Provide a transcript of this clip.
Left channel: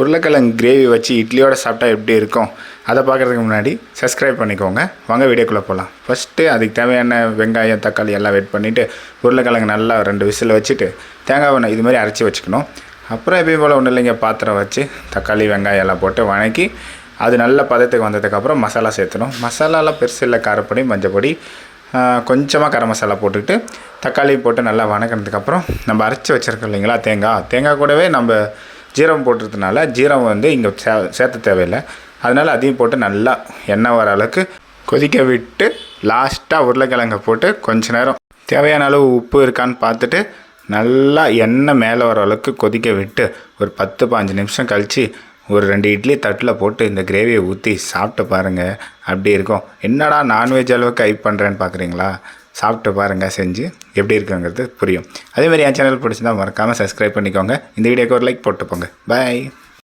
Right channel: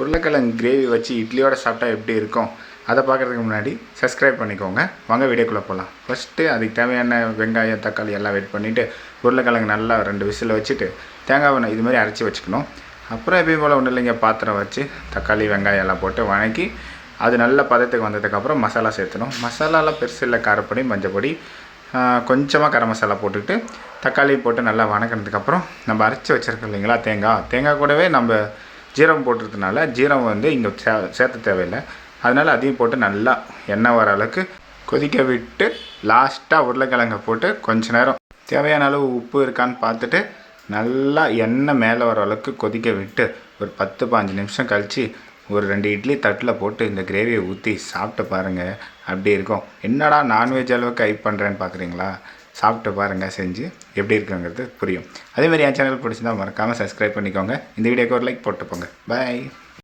உருளைக்கிழங்கு கிரேவி வச்சு இட்லியோடு சாப்பிட்டா எப்படி இருக்கும் அதை பார்க்குறதுக்கு முன்னாடி சப்ஸ்கிரைப் பண்ணிக்கோங்க. வாங்க வீடியோக்குள்ளே போகலாம். ஃபஸ்ட்டு அதுக்கு தேவையான வெங்காயம் தக்காளி எல்லாம் வெட் பண்ணிவிட்டு உருளைக்கிழங்கு நல்லா 2 விசில் வச்சுட்டு தேங்காய் இது மாதிரி அரைச்சி வச்சுக்கணும். அப்புறம் எப்பயும் போல் ஒன்றும் இல்லைங்க, பாத்திரம் வச்சு தக்காளி வெங்காயம் எல்லாம் போட்டு வணக்கி அது நல்ல பதத்துக்கு வந்ததுக்கப்புறம் மசாலா சேர்த்தணும். மசாலாலாம் பெருசு இல்லை, காரப்பொடி மஞ்சப்பொடி கொஞ்சமாக கரம் மசாலா போட்டுக்கிட்டு தக்காளி போட்டு நல்லா வணக்கினதுக்கப்புறம் நம்ம அரைச்சி வச்சுருக்கோம் இல்லைங்களா தேங்காய் கூடவே நம்ம ஜீரகம் போட்டுறதுனால ஜீரகம் இங்கே சேர்த்த தேவையில்லை. அதனால் அதையும் போட்டு நல்லா எண்ணெய் வர அளவுக்கு கொதிக்க விட்டு லாஸ்ட்டாக உருளைக்கிழங்கை போட்டு கொஞ்ச நேரம் தேவையான அளவு உப்பு இருக்கான்னு பார்த்துட்டு நல்லா எண்ணெய் மேலே வர அளவுக்கு கொதிக்க விட்டு ஒரு 10-15 நிமிஷம் கழித்து ஒரு 2 இட்லி தட்டில் போட்டு இந்த கிரேவியை ஊற்றி சாப்பிட்டு பாருங்கள். அப்படி இருக்கும். என்னடா நான்வெஜ் அளவுக்கு ஹைப் பண்ணுறேன்னு பார்க்குறீங்களா? சாப்பிட்டு பாருங்கள், செஞ்சு எப்படி இருக்குங்கிறது புரியும். அதேமாதிரி என் சேனல் பிடிச்சிருந்தா மறக்காமல் சப்ஸ்கிரைப் பண்ணிக்கோங்க. இந்த வீடியோக்கு ஒரு லைக் போட்டு போங்க. பாய்.